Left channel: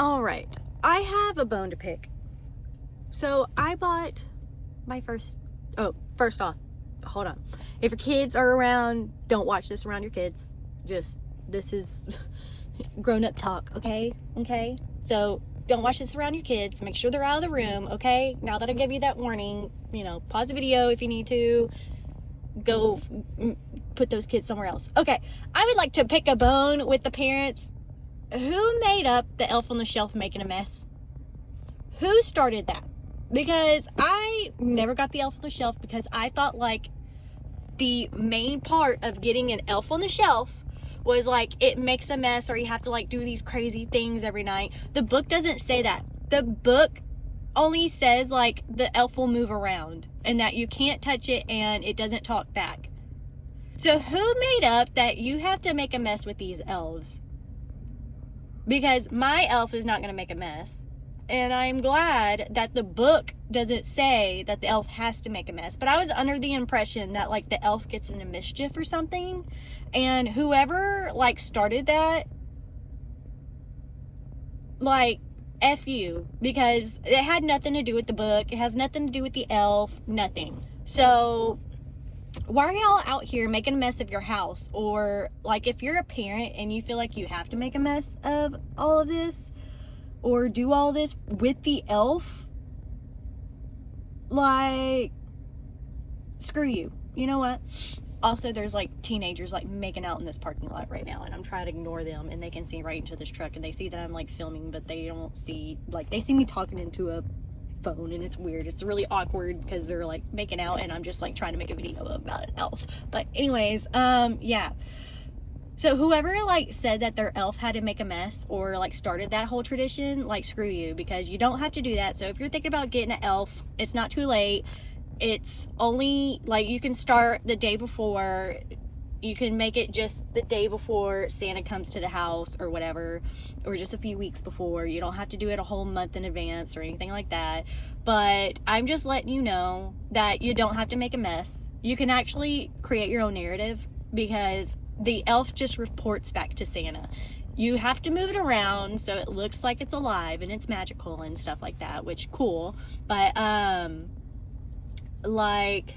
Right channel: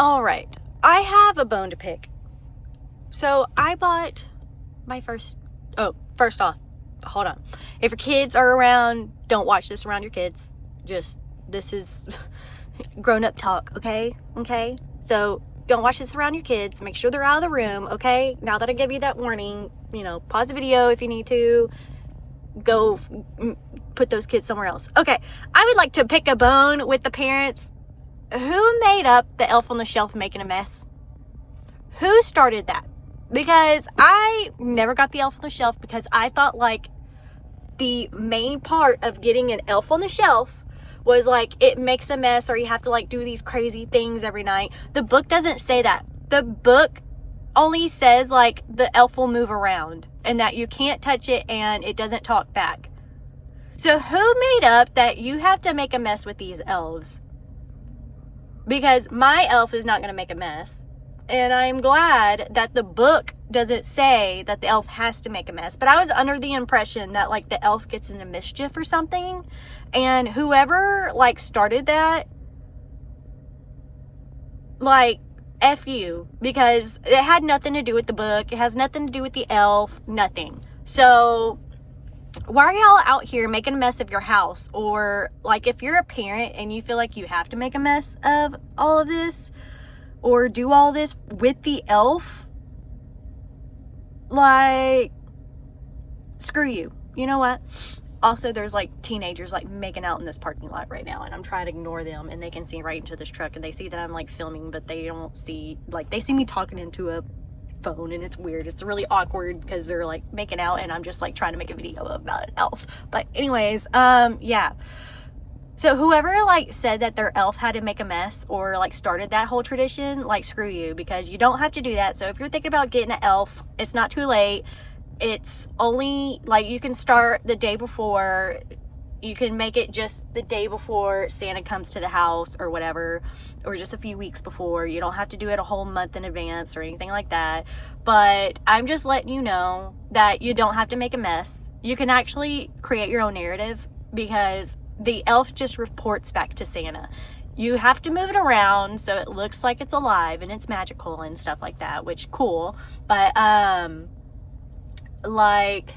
All right, I have a bone to pick. So I bought my first off, hold on. If your kids are around, don't watch this around your kids. This is grown-up talk, okay? Okay? So don't watch this around your kids. Make sure they're out of the room, okay? Now that I give you that warning, pause the video if you need to. Go put those kids somewhere else. Okay, I would like to pick a bone with the parents. Who made up the Elf on the Shelf making a mess? Who started that? Because I never got the Elf on the Shelf because I thought like the main part of getting an Elf on the Shelf was like it makes a mess or you have to like do these crazy things every night. The book doesn't say that. The book only says like the elf will move around and that you can't touch it and it doesn't talk back. So who made up that you have to make a mess with these elves? Because my elf is not going to make a mess. And I'm glad that the book doesn't say that the elf has to make a mess. But I was under the impression that like the elf gets into mischief or something. And whoever like started that, like, F you. Because it had nothing to do with the book. It has nothing to do with the elf. Nothing. So why are y'all out here making a mess of your house? Or like if you're a parent and you feel like you have to make a mess of all of this or do all this with the elf, like, screw you. You know what? Also, there's like teenagers like making out in this parking lot right now and I'm trying to ignore them and they can see right into this truck and they see that I'm like filming, but they don't see, like, they see me talking into a phone and it's weird. It's really awkward because they're like making out and I'm just like trying to make a video about an elf. But anyways, yeah. So whoever like said that their elf had to make a mess or like started that whole tradition, like, screw you, because you don't have to do that. So if you're thinking about getting an elf, it's not too late. It's only like you can start the day before. You can make it just the day before Santa comes to the house or whatever, or just a few weeks before. You don't have to do it a whole month in advance or anything like that. But I'm just letting you know that you don't have to make a mess. You can actually create your own narrative because the elf just reports back to Santa. You have to move it around so it looks like it's alive and it's magical and stuff like that, which cool. But like,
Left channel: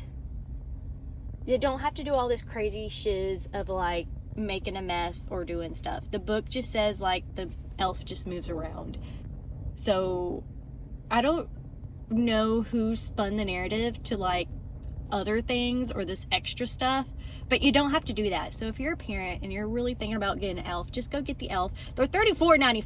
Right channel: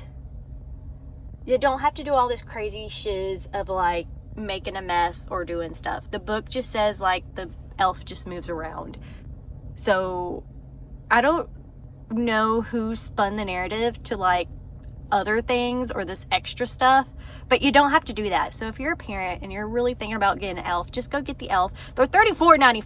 you don't have to do all this crazy shiz of like making a mess or doing stuff. The book just says like the elf just moves around. So I don't know who spun the narrative to like other things or this extra stuff, but you don't have to do that. So if you're a parent and you're really thinking about getting an elf, just go get the elf. They're $34.94.